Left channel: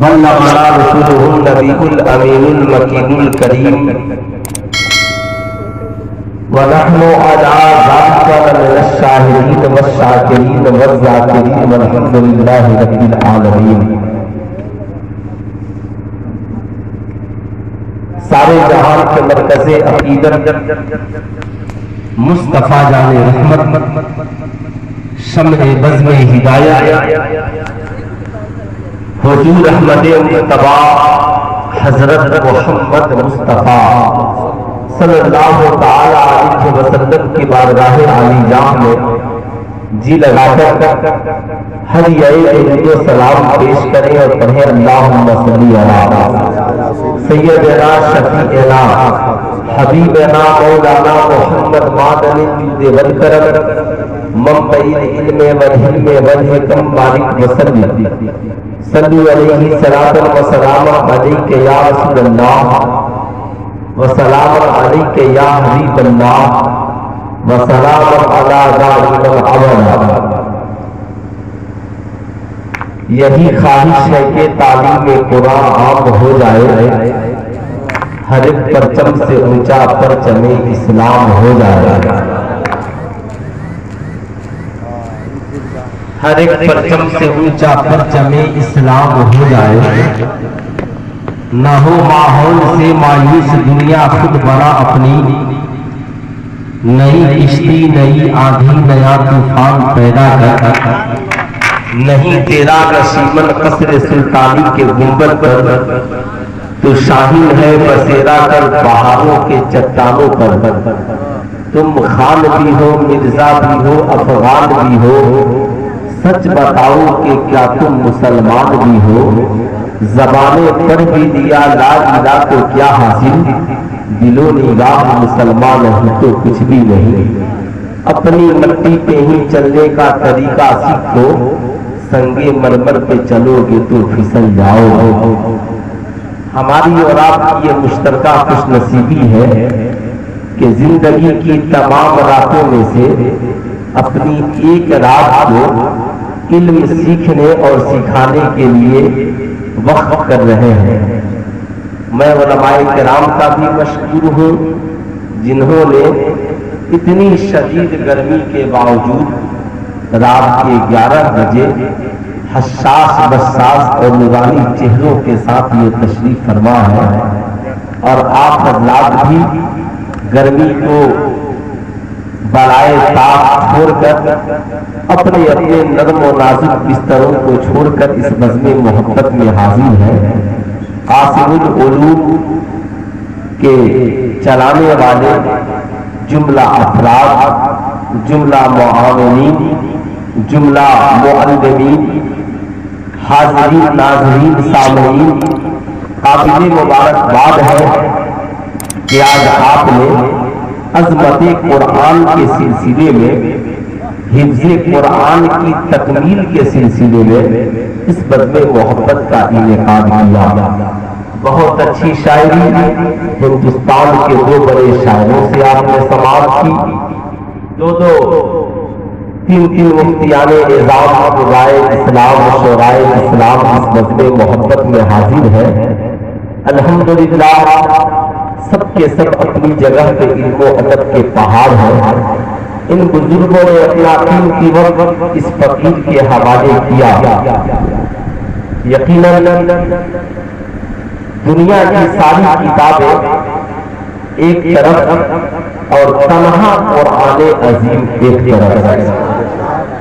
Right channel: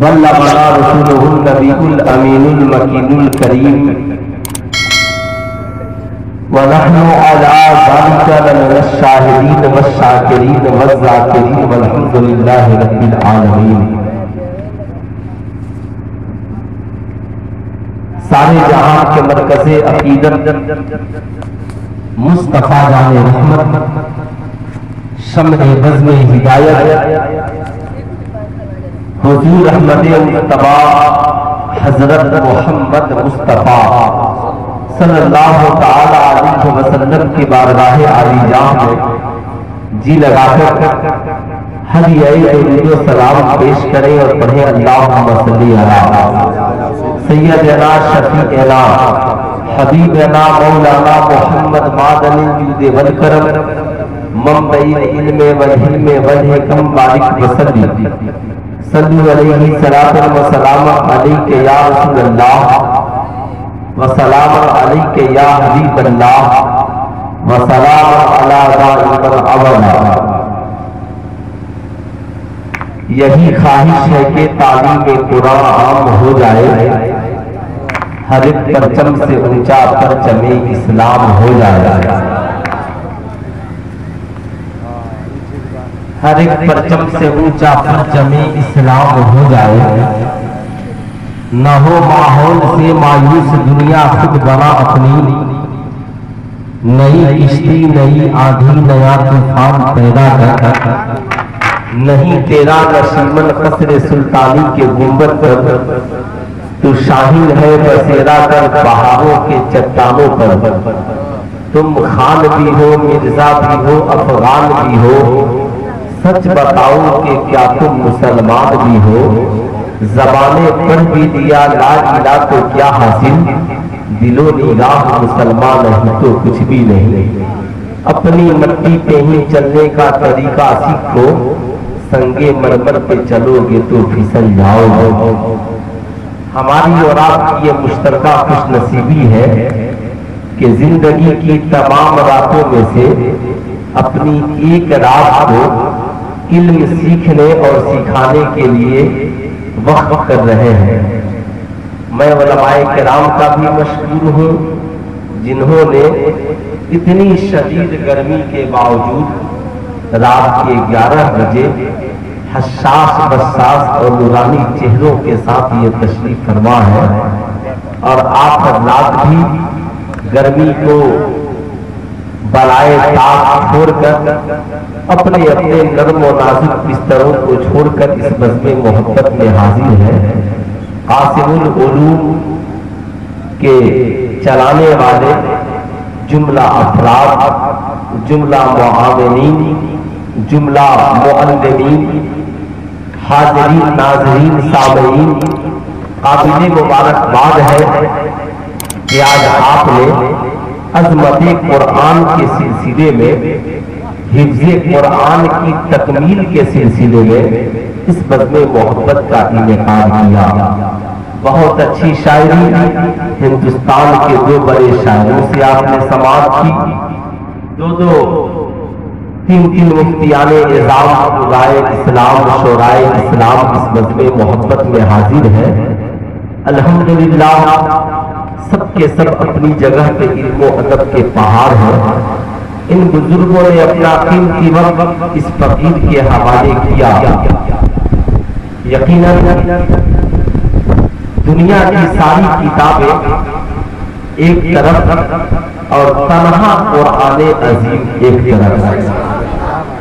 بلغنا رسوله النبي الأمين المكين الكريم ونحن على ذلك لمن الشاهدين والشاكرين والذاكرين والحمد لله رب العالمين۔ سارے جہان کے مرکز عقیدت مصطفیٰ جان رحمت، شمع بزم ہدایت، حضور احمد مجتبیٰ حضرت محمد مصطفیٰ صلی اللہ تعالی علیہ وسلم کی بارگاہ عالی جاہ میں جی لگا کر ہدیۂ درود و سلام پیش کریں اور پڑھیں اللہم صلی علی سیدنا شفیعنا حبیبنا مولانا محمد معدن الجود والکرم منبع العلم والحلم والحکم مالک وسلم صلی علیہ صلاۃ و سلام علیک یا رسول اللہ وسلام علیک یا حبیب اللہ وسلام علی ذالک العظیم۔ یہی خواہش ہے کہ تعلیم قرآن عام ہو جائے، ہر ایک پرچم سے اونچا پرچم اسلام ہو جائے، ہر ایک پرچم سے اونچا پرچم اسلام ہو جائے، نہ ہو ماحول سے مایوس دنیا خود بڑا اپنی، نئی کشتی نئی آندھی نیا طوفان پیدا کر، نہیں تیرا نشیمن قصر سلطانی کے گنبد پر، تو شاہین ہے بسیرا کر پہاڑوں کے چٹانوں پر، تم خان بھی ہو مرزا بھی ہو افغان بھی ہو، سچ بتاؤ کہ کیا تم مسلمان بھی ہو، زبانے پر بھی دیا لا الہ تو کیا حاصل، دل و نگاہ مسلمان نہیں تو کچھ بھی نہیں، اپنی مٹی پہ ہی چلنے کا طریقہ سیکھ لو، سنگے مرمر پہ چلو گے تو پھسل جاؤ۔ ہماری اور آپ کی یہ مشترکہ خوش نصیبی ہے کہ زندگی کی تمام راتوں میں سے اپنی ایک رات کو علم سیکھنے اور سکھانے کے لیے وقف کر رہے ہیں۔ میں علماء کرام کا بھی مشکور ہوں جنہوں نے اتنی شدید گرمی کے باوجود رات کے 11 بجے حساس بساس اور نورانی چہروں کے ساتھ یہ تشریف فرما ہے، اور آپ حضرات بھی گرمی کو بالائے طاق چھوڑ کر اپنے اپنے نرم و نازک بستروں کو چھوڑ کر اس بزم محبت میں حاضر ہے۔ قاسم العلوم کے چلانے والے جملہ افراد، جملہ معاونین، جملہ معلمین، حاضرین ناظرین سامعین، قابل مبارکباد ہے کہ آج آپ نے عظمت قرآن کے سلسلے میں، حفظ قرآن کی تکمیل کے سلسلے میں اس بزم محبت کا انعقاد کیا۔ بہت اچھی شاعری ہندوستان کے 2 بڑے شاعروں سے آپ نے سماعت کی، 2-3 مفتیان نظام خدائے اسلام شورائے اسلام اس بزم محبت میں حاضر ہے۔ الحمدللہ سب کے سب اپنی جگہ پہ علم و ادب کے پہاڑ ہیں۔ ان بزرگوں نے اپنا قیمتی وقت اس فقیر کے حوالے کیا۔ یقیناً دنیا کی ساری کتابیں ایک طرف اور تنہا قرآن عظیم ایک طرف۔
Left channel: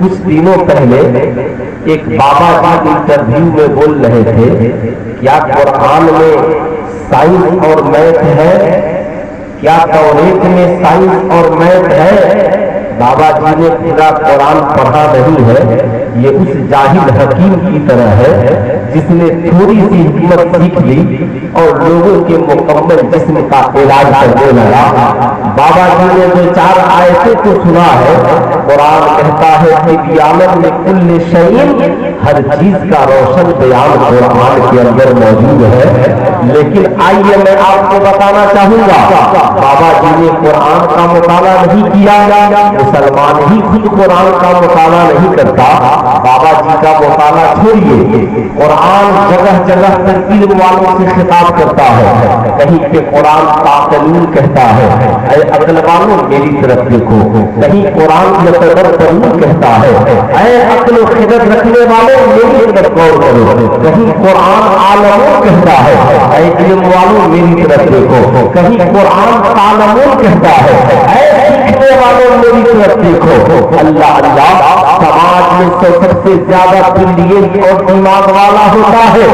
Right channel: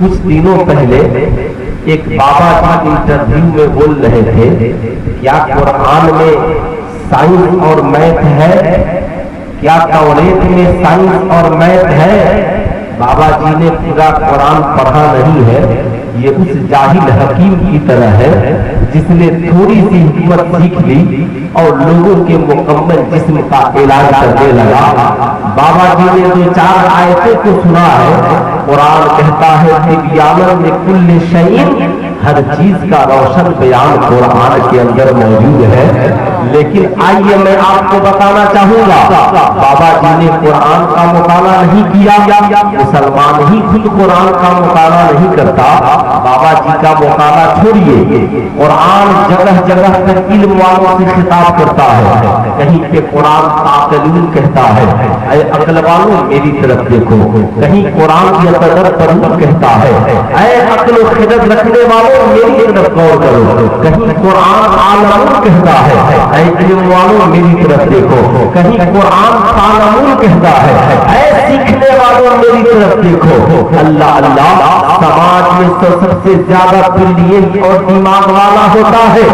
کچھ دنوں پہلے ایک بابا کا انٹرویو میں بول رہے تھے، کیا قرآن میں سائنس اور میتھ ہے؟ کیا توریت میں سائنس اور میتھ ہے؟ بابا جی نے پورا قرآن پڑھا نہیں ہے، یہ اس جاہل حکیم کی طرح ہے جس نے تھوڑی سی حکمت سیکھ لی اور لوگوں کے مکمل جسم کا علاج کرنے لگا۔ بابا جی نے 2-4 آیتوں کو سنا ہے، قرآن کہتا ہے کہ بیان میں کل شیء، ہر چیز کا روشن بیان قرآن کے اندر موجود ہے۔ لیکن آئیے میں آپ کو بتانا چاہوں گا، بابا جی نے قرآن کا مطالعہ نہیں کیا، مسلمان ہی خود قرآن کا مطالعہ نہیں کرتا، بابا جی کا مطالعہ چھوڑیے، قرآن جگہ جگہ پر علم والوں سے خطاب کرتا ہے، کہیں پہ قرآن تعقلون کہتا ہے، اے عقل والوں میری طرف دیکھو، کہیں قرآن یتدبرون کہتا ہے، اے عقل و خرد رکھنے والوں میری طرف غور کرو، کہیں قرآن عالمون کہتا ہے، اے علم والوں میری طرف دیکھو، کہیں قرآن تعلمون کہتا ہے، اے سیکھنے والوں میری طرف دیکھو۔ اللہ اللہ، سماج میں سب سے زیادہ برلینٹ اور دماغ والا ہوتا ہے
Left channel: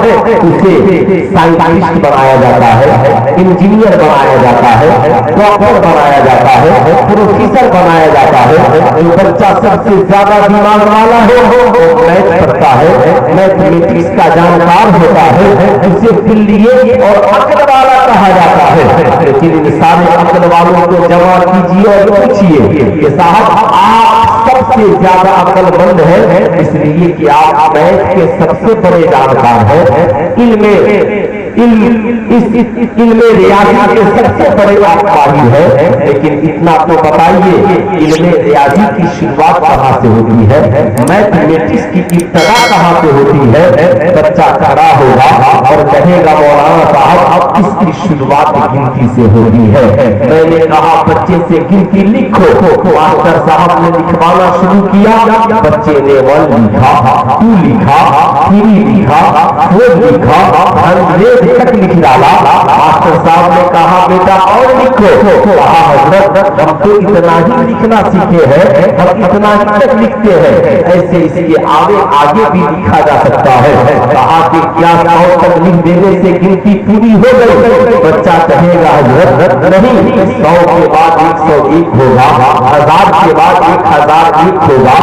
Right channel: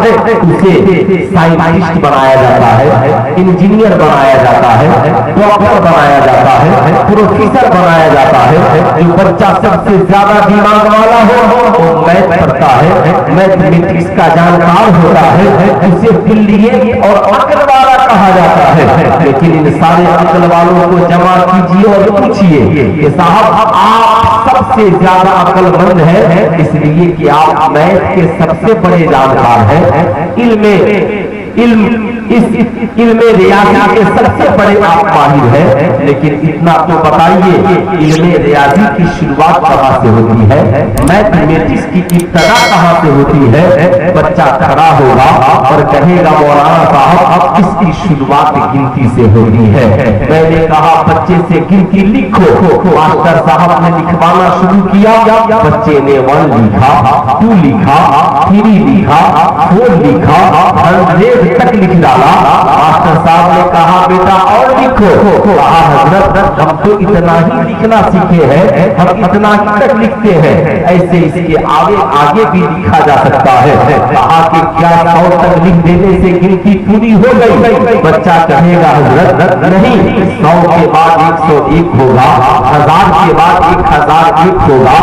اسے سائنٹسٹ بنایا جاتا ہے، انجینئر بنایا جاتا ہے، ڈاکٹر بنایا جاتا ہے، پروفیسر بنایا جاتا ہے۔ جو بچہ سب سے زیادہ دماغ والا ہو وہ میتھ پڑھتا ہے، میتھمیٹکس کا جانکار ہوتا ہے، اسے برلینٹ اور عقل والا کہا جاتا ہے۔ لیکن ان سارے عقل والوں کو جمع کیجیے اور پوچھیے کہ صاحب آپ سب سے زیادہ عقل مند ہے اس لیے کہ آپ میتھ کے سب سے بڑے جانکار ہیں، علم ریاضی کے سب سے بڑے آپ ماہر ہیں، لیکن اتنا تو بتائیے علم ریاضی کی شروعات کہاں سے ہوتی ہے، میتھمیٹکس کی ابتدا کہاں سے ہوتی ہے؟ بچہ کھڑا ہوگا اور کہے گا مولانا صاحب اس کی شروعات گنتی سے ہوتی ہے۔ میں نے کہا بچے سے گنتی لکھو، ماسٹر صاحب نے لکھوانا شروع کیا، بچے نے 1 لکھا، 2 لکھا، 3 لکھا، 4 لکھا، 100 تک لکھ ڈالا۔ ماسٹر صاحب نے کہا بیٹا اور لکھو، کہا حضرت ہم تو اتنا ہی لکھنا سیکھے ہیں، ہم اتنا ہی تک لکھتے ہیں، ایسے اس کے آگے بھی لکھا جا سکتا ہے۔ کہا کہ کیا 100 تک لکھ دینے سے گنتی پوری ہو گئی؟ بچہ کہے گا حضرت نہیں، 100 کے بعد 101 ہوگا، 1000 کے بعد 1001 ہوگا،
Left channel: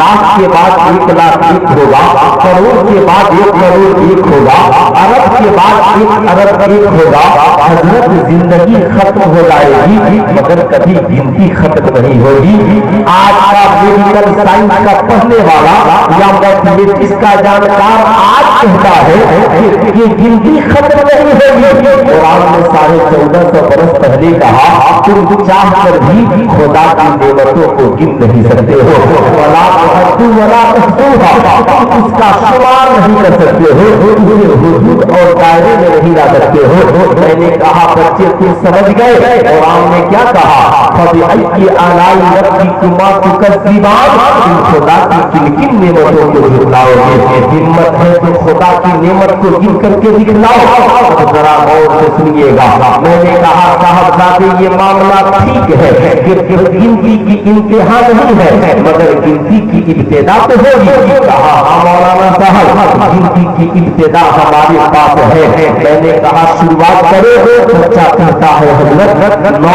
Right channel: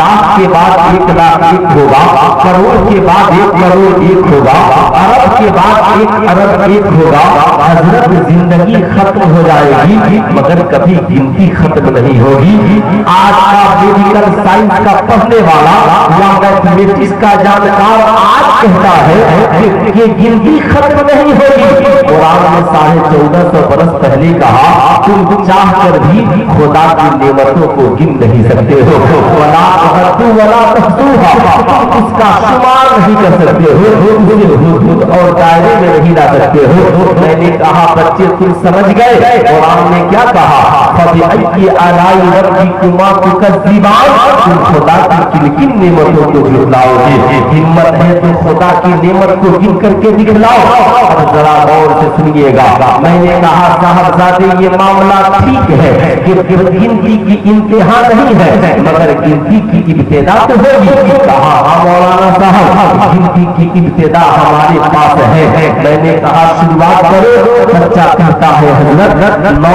لاکھ کے بعد 1,00,001 ہوگا، کروڑ کے بعد 1,00,00,001 ہوگا، ارب کے بعد 1,00,00,001 ہوگا۔ حضرت زندگی ختم ہو جائے گی مگر کبھی گنتی ختم نہیں ہوگی۔ آج کا میڈیکل سائنس کا پڑھنے والا یا میتھمیٹکس کا جانکار آج کہتا ہے کہ یہ گنتی ختم نہیں ہوگی۔ قرآن نے 1450 برس پہلے کہا تم چاہ کر بھی خدا کی نعمتوں کو گن نہیں سکتے ہو، ولا تحصوا ولا تحصوها، تم اس کا شمار نہیں کر سکتے ہو، حدود اور دائرے میں نہیں لا سکتے ہو۔ میں نے کہا بچے تم سمجھ گئے قرآن نے کیا کہا؟ فَبِأَيِّ آلَاءِ رَبِّكُمَا تُكَذِّبَانِ، تم خدا کی کن کن نعمتوں کو جھٹلاؤ گے؟ ہمت ہے تو خدا کی نعمت کو گن کر کے دکھلاؤ۔ اب ذرا غور سے سنیے گا، میں نے کہا صاحبزادے یہ معاملہ ٹھیک ہے کہ گنتی کی انتہا نہیں ہے مگر گنتی کی ابتدا تو ہوگی۔ کہا ہاں مولانا صاحب گنتی کی ابتدا ہمارے پاس ہے۔ میں نے کہا شروعات کرو۔ بچہ کہتا ہے حضرت 9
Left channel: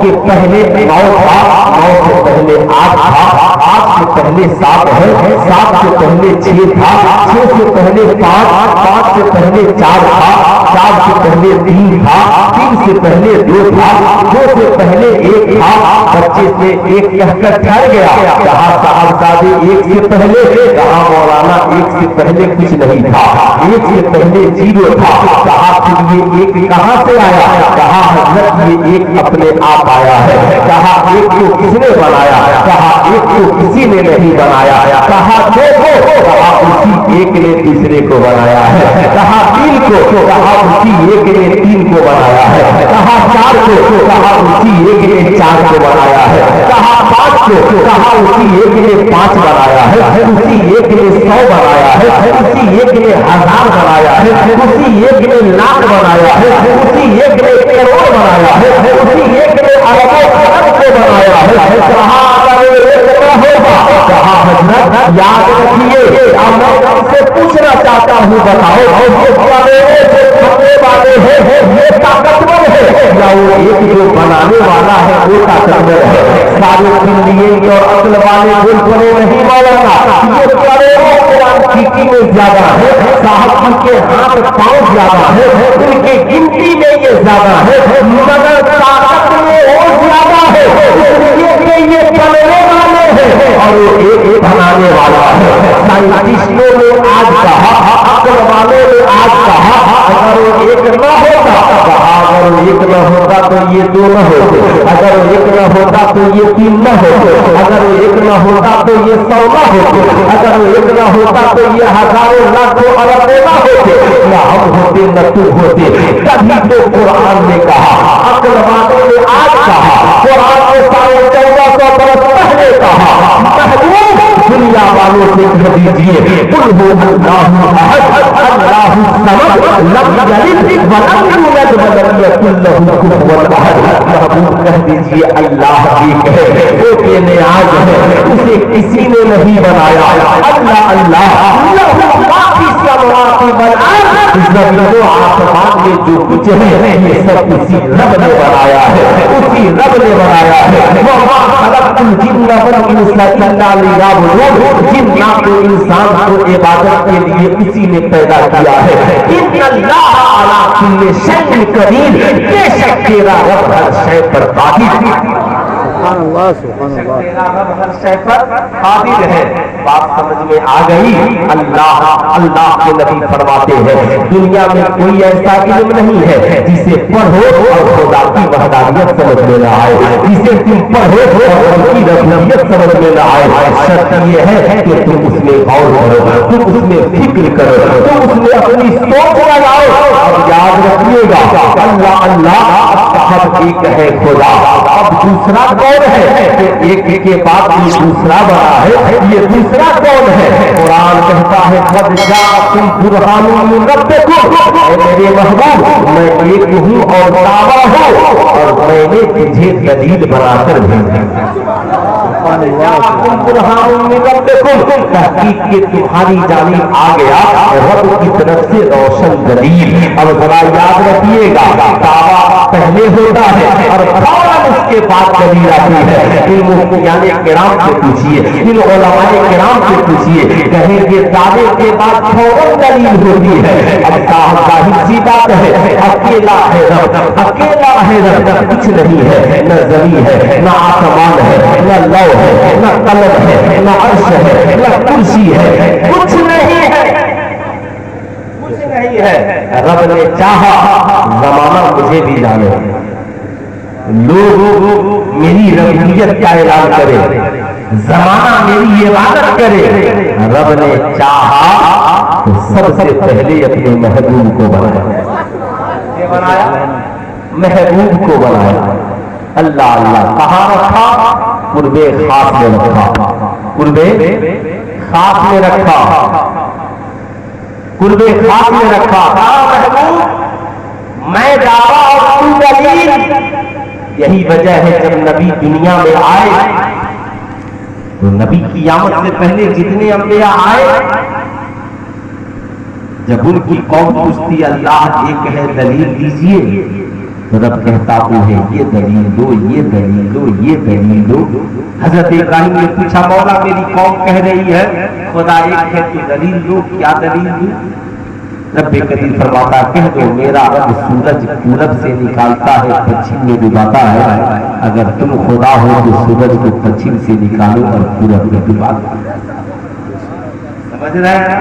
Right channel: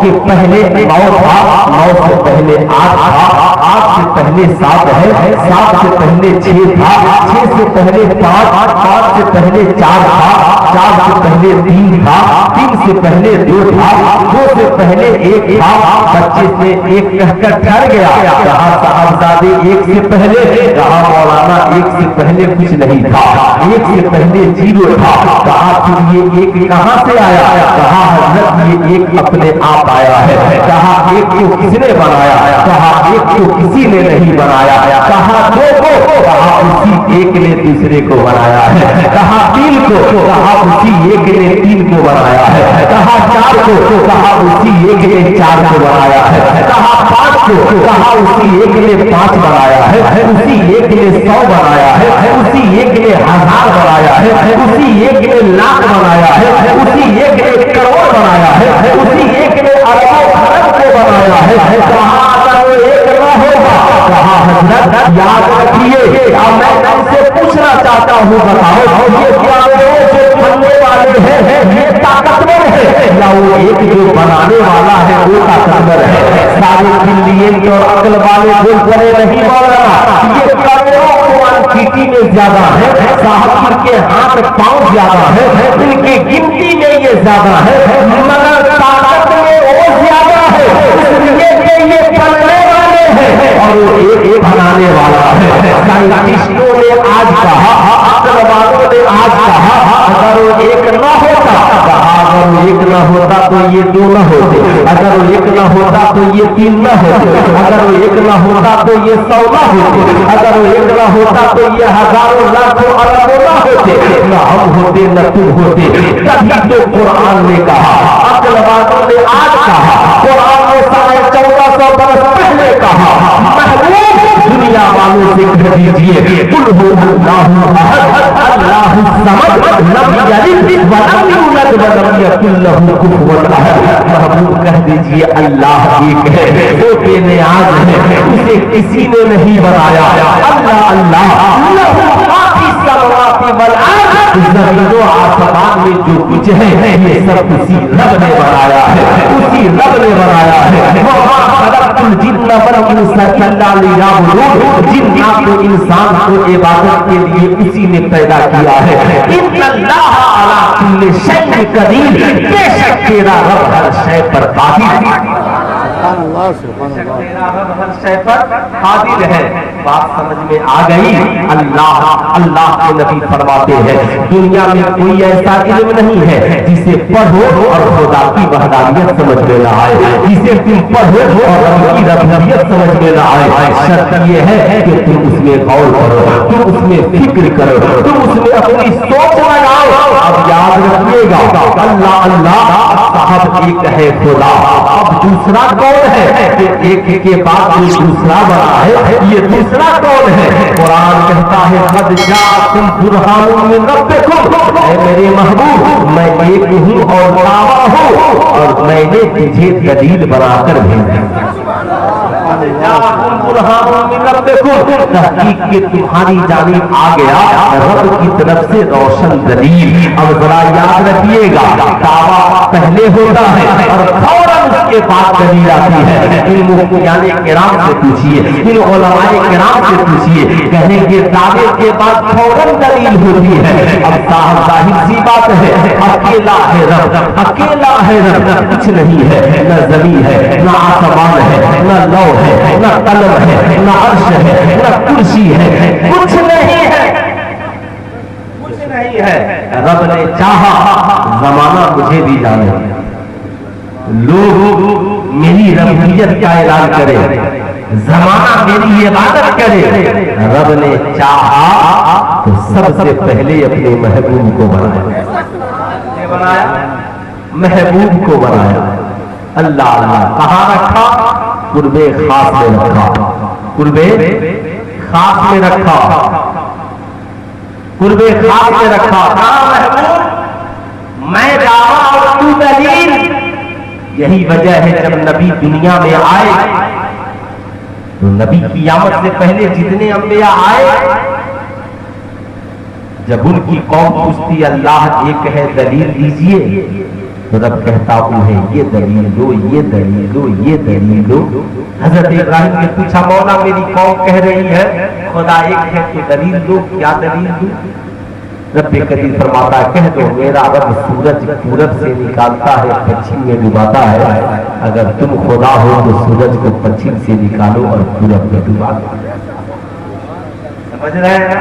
کے پہلے 9 تھا، 9 سے پہلے 8 تھا، 8 سے پہلے 7 ہے، 7 سے پہلے 6 تھا، 6 سے پہلے 5، 5 سے پہلے 4 تھا، 4 سے پہلے 3 تھا، 3 سے پہلے 2 تھا، 2 سے پہلے 1 تھا۔ بچے سے 1 کہہ کر ٹھہر گیا۔ کہا صاحبزادے 1 سے پہلے؟ کہا مولانا 1 سے پہلے کچھ نہیں تھا، 1 سے پہلے 0 تھا۔ کہا پھر یہ 1 کہاں سے آیا؟ کہا حضرت یہ 1 اپنے آپ آیا ہے۔ کہا 1 کو کس نے بنایا؟ کہا 1 کو کسی نے نہیں بنایا۔ کہا 2 کو؟ کہا اسی 1 نے تیسرے کو بنایا ہے۔ کہا 3 کو؟ کہا اسی 1 نے 3 کو بنایا ہے۔ کہا 4 کو؟ کہا اسی 1 نے 4 کو بنایا ہے۔ کہا 5 کو؟ کہا اسی 1 نے 5 بنایا ہے۔ اسی 1 نے 100 بنایا ہے، اسی 1 نے 1000 بنایا ہے، اسی 1 نے لاکھ بنایا ہے، اسی 1 نے کروڑ بنایا ہے، اسی 1 نے اربوں خرب کو بنایا ہے۔ کہا اگر وہ 1 نہ ہوگا؟ کہا حضرت یاد رکھیے میں ان سے پوچھنا چاہتا ہوں بتاؤ یہ کیمرے سے کھلنے والے ہیں یہ طاقتور ہے یا وہ 1 جو بنانے والا ہے وہ طاقتور ہے؟ سارے بلین اور عقل والے بول پڑے نہیں مولانا یہ کروڑوں کوانٹٹی میں زیادہ ہے صاحب، ان کے ہاتھ پاؤں زیادہ ہے، ان کی گنتی میں یہ زیادہ ہے مگر طاقت میں وہ زیادہ ہے، اس لیے کہ یہ بننے والے ہیں اور وہ 1 بنانے والا ہے۔ سائنٹسٹوں نے آج کہا، عقل والوں نے آج کہا اگر تو یہ دو نہ ہوتے, اگر وہ ایک نہ ہوتا تو یہ تین نہ ہوتے, اگر وہ ایک نہ ہوتا تو یہ 100 نہ ہوتے, اگر وہ ایک نہ ہوتا تو یہ ہزاروں لاکھوں اربوں نہ ہوتے, نہ ہم ہوتے نہ تم ہوتے. تبھی تو قرآن نے کہا, عقل والوں نے آج کہا, قرآن نے 1450 برس پہلے کہا, محبوب دنیا والوں سے کہہ دیجیے قل هو اللہ احد اللہ الصمد لم یلد ولم یولد ولم یکن له کفوا احد. محبوب کہہ دیجیے اللہ ایک ہے, وہ بے نیاز ہے, اسے کسی نے نہیں بنایا. اللہ اللہ لہ ما فی السماوات والارض, زمین و آسمان میں جو کچھ ہے یہ سب اسی رب نے بنایا ہے, اسی رب نے بنایا ہے. وما خلقت الجن والانس الا لیعبدون, جنات و انسان کو عبادت کے لیے اسی نے پیدا کیا ہے. ان اللہ علی کل شیء قدیر, بے شک تیرا رب ہر شے پر قادر ہے. سبحان اللہ سبحان اللہ. تیرا رب ہر شے پر قادر ہے. بات سمجھ میں آ گئی. اللہ کے نبی فرماتے ہیں دنیا میں کوئی ایسا علم نہیں ہے جسے پڑھو اور خدا کی وحدانیت سمجھ میں نہ آئے, جسے تم پڑھو اور ان کی ربوبیت سمجھ میں نہ آئے. شرط یہ ہے کہ تم اس میں غور کرو, تم اس میں فکر کرو, تم اس میں اپنی سوچ لگاؤ. اب یاد رکھیے گا اللہ اللہ اب ایک ہے خدا. اب دوسرا کون ہے کہ ایک کے بعد یہ دوسرا بنا ہے, یہ دوسرا کون ہے؟ قرآن کہتا ہے قد جاءکم برہان من ربکم, اے میرے محبوب میں ایک ہوں اور دعویٰ ہوں اور میں نے تجھے دلیل بنا کر بھیجا. برہان من ربکم, تحقیق کے تمہاری جانب آ گیا رب کی طرف سے روشن دلیل. اب ذرا یاد رکھیے گا دعویٰ پہلے ہوتا ہے اور فوراً اس کے بعد دلیل آتی ہے. علم کرام سے پوچھیے, ان علماء کرام سے پوچھیے, کہیں گے دعوے کے بعد فوراً دلیل ہوتی ہے. اب ظاہر سی بات ہے اکیلا ہے رب, اکیلا ہے رب, کچھ نہیں ہے, نہ زمین ہے, نہ آسمان ہے, نہ لو ہے, نہ قلم ہے, نہ عرش ہے, نہ کرسی ہے, کچھ نہیں ہے, کچھ نہیں ہے. رب نے چاہا زمانہ مجھے بھی جانے, لوگ میری ربوبیت کا اعلان کرے, زمانہ میری عبادت کرے. رب نے چاہا تو سب سے پہلے اپنے محبوب کو بنایا, محبوب کو بنایا. اللہ اللہ کہاں رکھا؟ قرب خاص میں رکھا, قرب خاص میں رکھا, قرب خاص میں رکھا. کہا محبوب میں دعویٰ اور تو دلیل. یہی وجہ ہے جب نبی دنیا میں آئے تو نبی کی آمد سے پہلے جتنے انبیاء آئے, جب ان کی قوم پوچھتی اللہ ایک ہے دلیل دیجئے, تو رب کہتا انہیں یہ دلیل دو, یہ دلیل دو, یہ دلیل دو. حضرت ابراہیم نے پوچھا مولا میری قوم کہہ رہی ہے خدا ایک ہے تو دلیل دو, کیا دلیل دو؟ رب قدیر فرماتا کہہ دو میرا رب سورج پورب سے نکالتا ہے پچھم میں ڈباتا ہے, اگر تم خدا ہو تو سورج کو پچھم سے نکالو اور پورب میں ڈبا دو. سمجھ رہے ہیں؟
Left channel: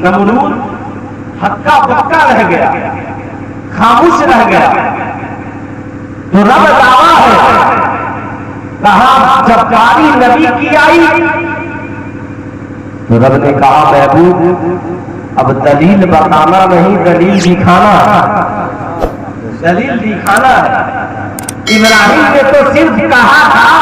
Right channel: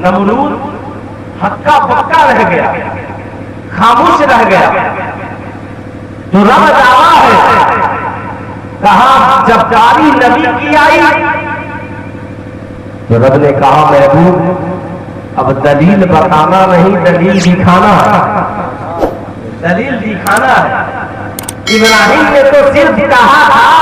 نمرود ہکا پکا رہ گیا, خاموش رہ گیا, تو رب دعویٰ ہے. کہا جب باری نبی کی آئی تو رب نے کہا محبوب اب دلیل بتانا نہیں, دلیل دکھانا, دلیل دکھانا ہے. ابراہیم نے تو صرف کہا تھا